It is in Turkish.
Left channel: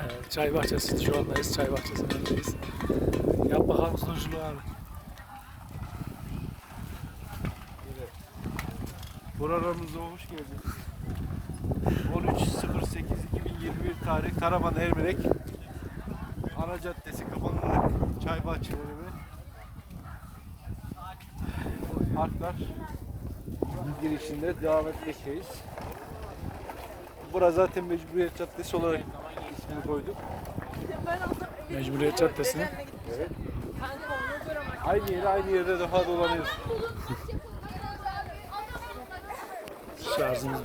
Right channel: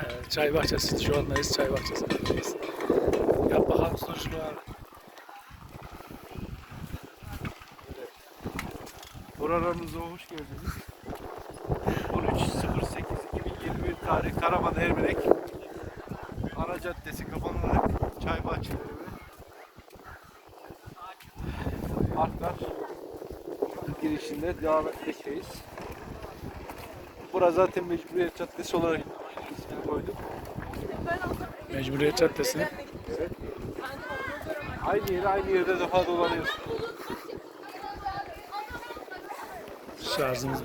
Evet, çay bahçesi. Şu andayız çay bahçesindeyiz. Yap bakalım sunucunu abi. Programımıza hoş geldiniz. 13.08.2021 tarih Karaman Ermenek Ana Caddesi kapanılık çay bahçeleri ve parklar girişinde devam etmekteyiz. Burası zaten Mecburiyet Caddesi olarak ismini koyduk. Mecburiyet Caddesi. Aynı yere aynı yerde defa dolanıyoruz. Şarjımız